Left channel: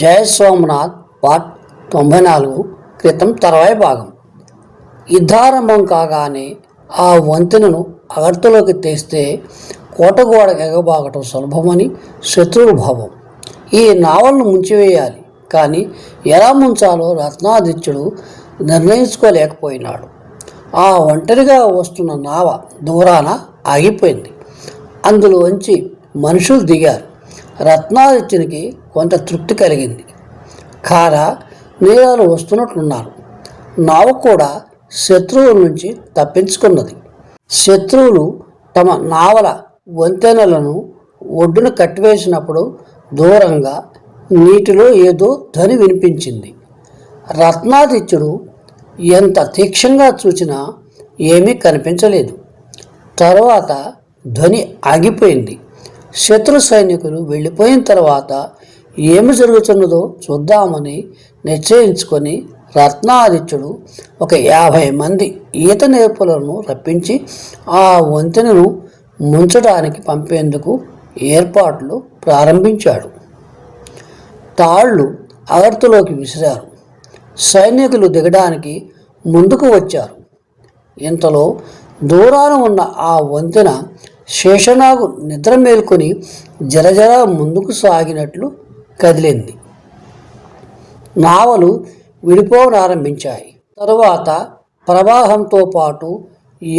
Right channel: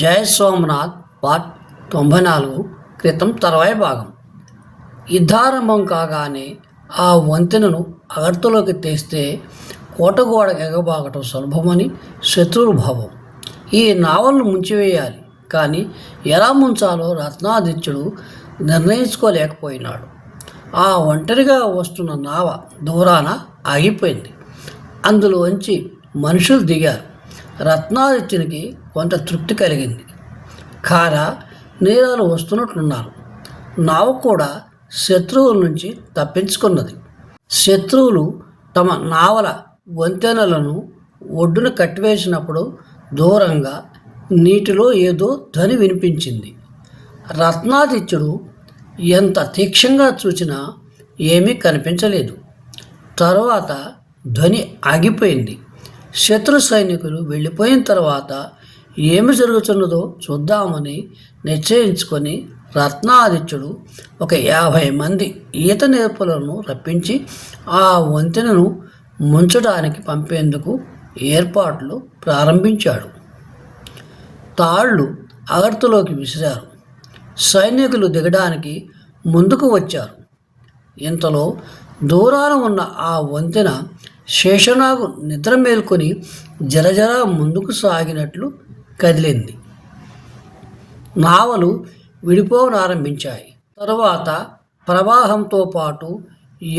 జయ Somnath part 94 క్రితం తర్వాయి భాగం. యుద్ధారంభం కాగానే ఆ వంతెనను అగర్తలోకి తెస్తే కోటగోడ ఎగబాగటం సులభమని శత్రువుల భావం. ఈ నావలను ముంచివేయాలి, కానీ ఎలా ముంచాలో రత్నాదిత్యుడు నిర్ణయించుకోలేకపోయినాడు. ఆ ఒంటరిగా వస్తున్న నావ దూరాన ఆగిపోయింది. అందులోంచి మనుషులు దిగారు. రత్నాదిత్యునికి కొంత తృప్తి కలిగింది. కార నీరాలు వస్తున్నట్లున్నారు. నావ కూడా శత్రువుల నుంచి తప్పించుకున్నది. శత్రువులు తమ నావల వంతెనలను ఒడ్డున కట్టివేసినప్పుడు దూరంగా నీటిలో ఏదో ధ్వని వినిపించింది. రత్నాదిత్యుడు ఎంత తీక్షంగా చూసినా ఏమీ కనిపించలేదు. తరువాత ధ్వని ఆగిపోయింది. శత్రు సైనికులు వెళ్ళిపోయిన తర్వాత ఏమి జరుగుతున్నదో చూద్దామని నిశ్చయించుకొని రత్నాదిత్యుడు ఒక 50 మంది ఈత నేర్పులను రప్పించి ఆ వంతెనను ముంచడానికి పంపేందుకు ఏర్పాట్లు ప్రారంభించాడు. తాళ్లు అగర్తులోకి విసిరారు. సైనికులు దిగడానికి ముందుకు వచ్చారు. ఇంతలో దూరాన ఉన్న ఆ వంతెన శేషనాగు నిద్ర మేల్కొని జరజర ముందుకు సాగినట్లు కదిలింది. నావలు విడిపోవనారంభించాయి. తరువాత ప్రవాహంతో పాటు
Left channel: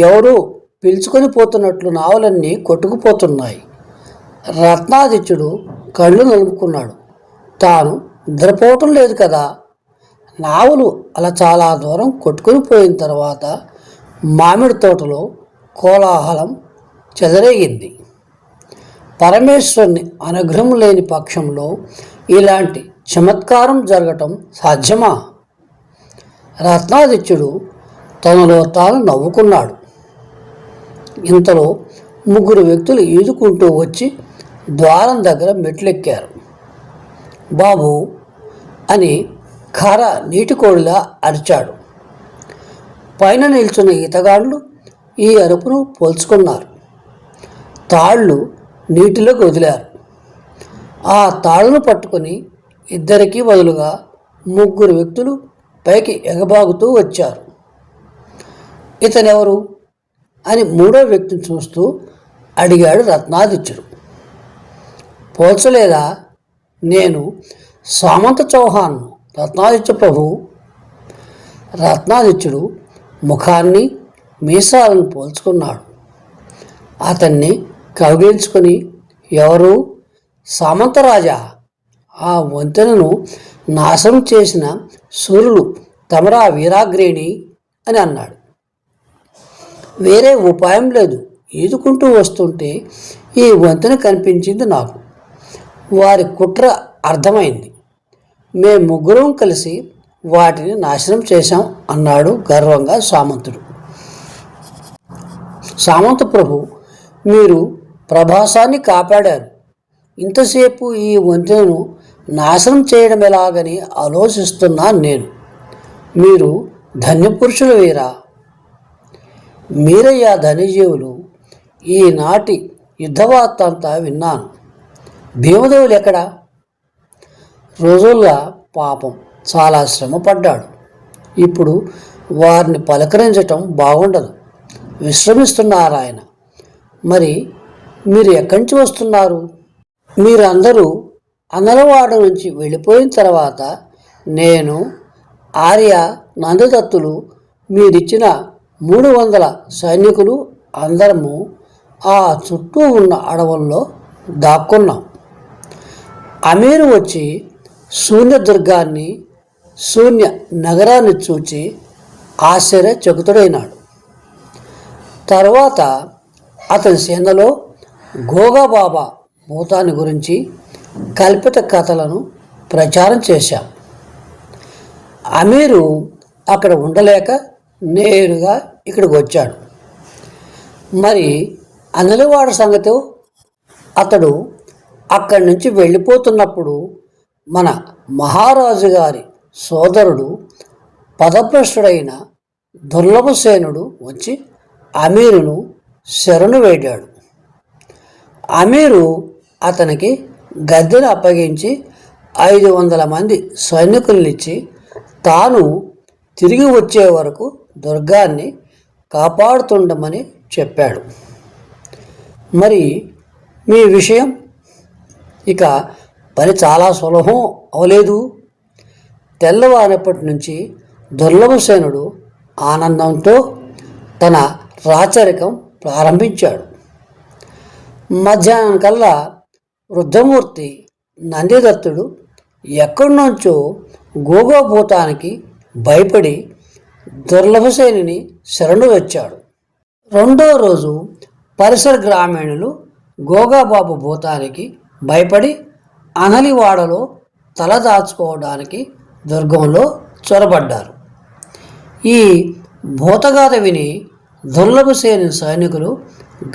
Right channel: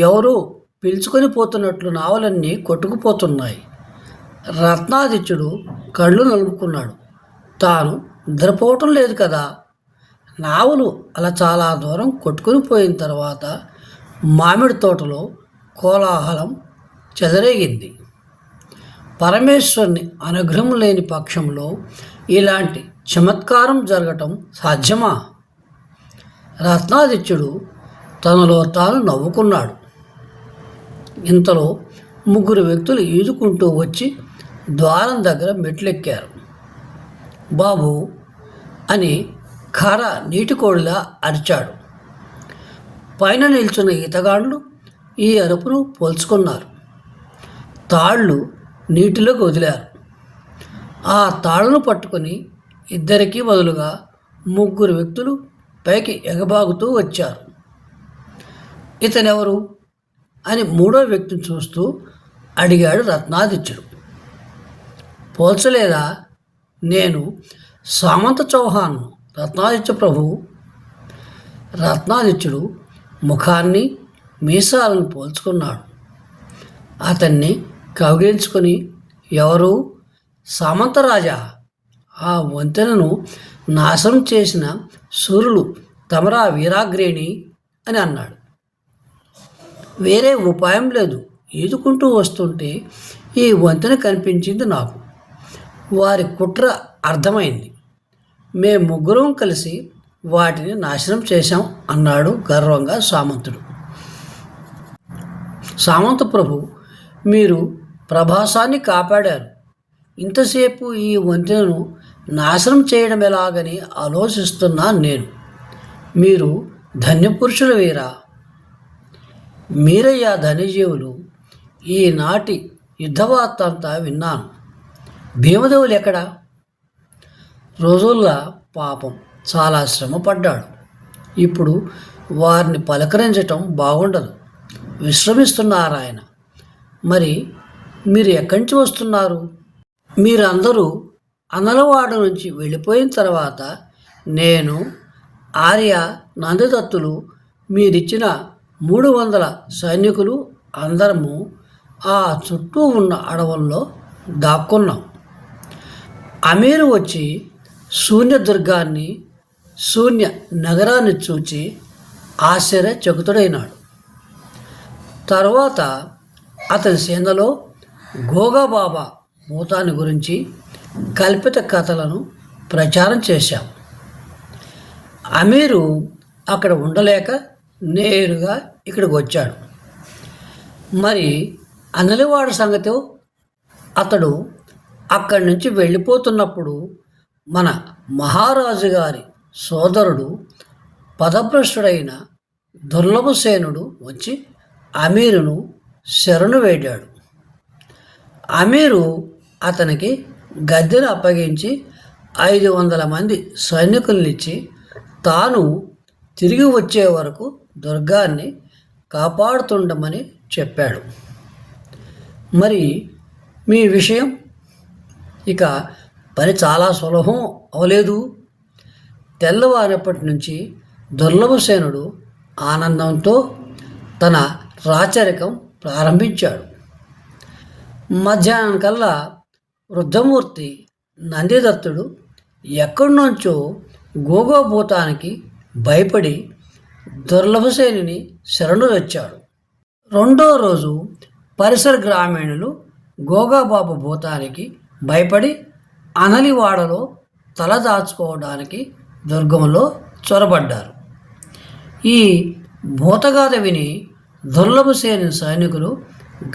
ఎవరో పిలుచుకొని పోతున్నట్లు నావలన్నీ కొట్టుకుపోతున్నాయి. రత్నాదిత్యుడు కళ్ళు నలుపుకున్నాడు. తాను నిద్రపోవటం లేదు కదా. నావలు అలా చాలా దూరం కొట్టుకొని పోయిన తర్వాత మామిడి తోటలో కోలాహలం చెలరేగింది. పరమేశ్వరుని అనుగ్రహం లేని పక్షంలో ఇలాంటి చమత్కారం జరగటం సాధ్యమా? రత్నాదిత్యుడు తనలో తాను నవ్వుకున్నాడు. ఇంతలో 3 వ్యక్తులు ఈదుకుంటూ వచ్చి ద్వారం దగ్గర మెట్లెక్కారు. బాబు అని ఖార నీటికోడిలా అరిచాడు. పైన నిల్చున్న ఈతగాళ్ళు ఈ అరుపును పోల్చుకున్నారు. తాళ్ళు నీటిలోకి వదిలారు. ఆ తాళ్ళను పట్టుకొని ఇద్దరికీ బదులుగా 3 వ్యక్తులు పైకి ఎగబాగుతూ వచ్చారు. ఇతనెవరు అని 3వ వ్యక్తిని చూస్తూ అడిగాడు రత్నాదిత్యుడు. పోల్చలేదా? నేను సామంత చౌహాన్, రత్నాదిత్య ప్రభు. రత్నాదిత్యుడు ముఖాన్ని మీసాలను పోల్చుకున్నాడు. అతన్ని కౌగిలించుకొని, ఎవరు? సామంతరాజా, ఆ వంతెనను నాశనం చేసిన సూర్యులు తమరా వీరాగ్రేణి అని అన్నాడు. వేరే ఉపాయం లేదు. ఈదుకుంటూ వస్తుంటే ఈ వంతెన కనిపించింది నాకు. వారి కుట్ర అర్థమైంది. మేము 3 కలిసి వాటిని నాశనం చేశాం అన్నాడు గర్వంగా సామంతుడు. సామంత ప్రభు, మీరు ప్రభాసాన్ని కాపాడారు. ఇంతసేపు ఈ వంతెనను నాశనం చేయడం ఎలాగని ఆలోచిస్తున్నాను నేను. మీరు ధన్యపురుషులు వీరా. మీరయ్యా ధన్యజీవులు. ఈనాటి యుద్ధవార్త అంతా విన్నాను. భీమదేవులు ఎక్కడా? రోజుల్లా పాపం చాలా శ్రమపడ్డాడు. ఇప్పుడు వారిని పలకరించటం బాగుండదు. విశ్రమిస్తున్నారు ఆయన. మరి మీరు ఎక్కడి నుంచి వస్తున్నారు? మీరందరూ అన్నలవాడ నుంచి వెళ్ళిపోయిన తర్వాత నేను, ఆర్య, నందదత్తులు, మీరిచ్చిన 300 సైనికులు అందరము ఆ చుట్టూ ఉన్న అడవుల్లో దాక్కున్నాం. అమీరు వచ్చి శూన్యదుర్గాన్ని, శూన్య నగరాన్ని చూచి ఆశ్చర్యచకితుడైనాడు. తర్వాత అతని సేనలో గోగాబాబా భూతాన్ని గురించి కల్పిత కథలను ప్రచారం చేశాం. అమీరు అక్కడ ఉండలేక నేరుగా ఇక్కడికి వచ్చాడు. మరి అనిలవాడ సంగతి? అతడు అక్కడి నుంచి వెళ్ళిపోతున్నప్పుడు మన మహారాజు గారి సోదరుడు పదభ్రష్టుడైన దుర్లభసేనుడు వచ్చి అమీరును శరణు వేడాడు. అమీరు అతనికి గద్దెను అప్పగించి 500 మంది సైనికులనిచ్చి తాను తిరిగి వచ్చే వరకు దుర్గాన్ని కాపాడుతుండమని చెప్పాడు. మరి మీ విషయం? ఇక పని చాలా సులభం అవలేదు. తెల్లవారినప్పటి నుంచి దుర్లభసేనుడు ఆనందంతో తన రాచరికం ప్రారంభించాడు. మధ్యాహ్నం కల్లా వృద్ధమూర్తి నందిదత్తుడు ఎక్కడి నుంచో గోగోభూతానికి భయపడి దుర్లభసేనుని శరణు వచ్చాడు. రెండో రోజు పరిసర గ్రామీణులు గోగాబాబు భూతానికి భయపడి అనలివాడలో తలదాచుకోవడానికి దుర్గంలో చొరబడ్డారు. ఈ భూతగాథ విని దుర్లభసేను సైనికులు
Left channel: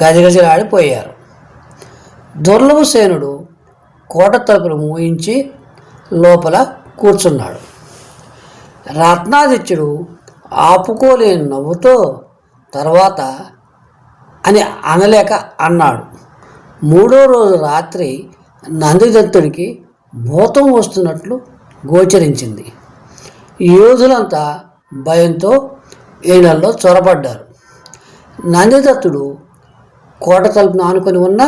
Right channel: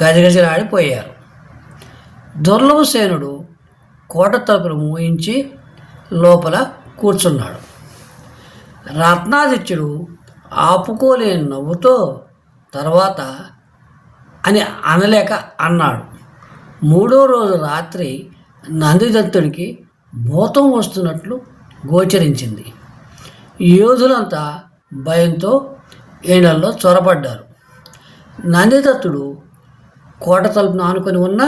గజగజలాడిపోయారు. దుర్లభసేనుడు కోట తలుపులు మూయించి లోపల కూర్చున్నాడు. రత్నాదిత్యుడు ఆపుకోలేని నవ్వుతో తర్వాత అని అనలేక అన్నాడు. మూడో రోజు రాత్రి నందిదత్తుడికి భూతం వస్తున్నట్లు గోచరించింది. యోధులంతా భయంతో ఈనల్లో చొరబడ్డారు. నందిదత్తుడు కోట తలుపును ఆనుకొని ఉన్న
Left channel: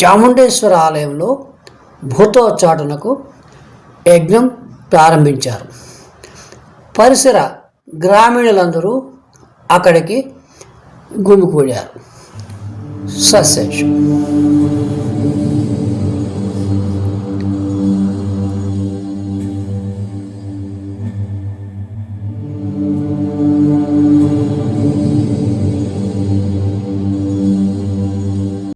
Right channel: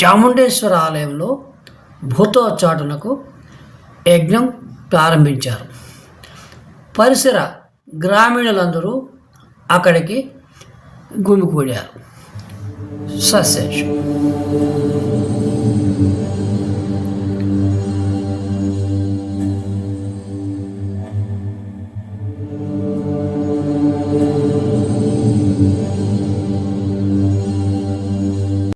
చాముండేశ్వర ఆలయంలో భూతోచ్చాటనకు యజ్ఞం ప్రారంభించారు. పరిసర గ్రామీణులందరూ అక్కడికి గుమికూడారు. సస్సేషం.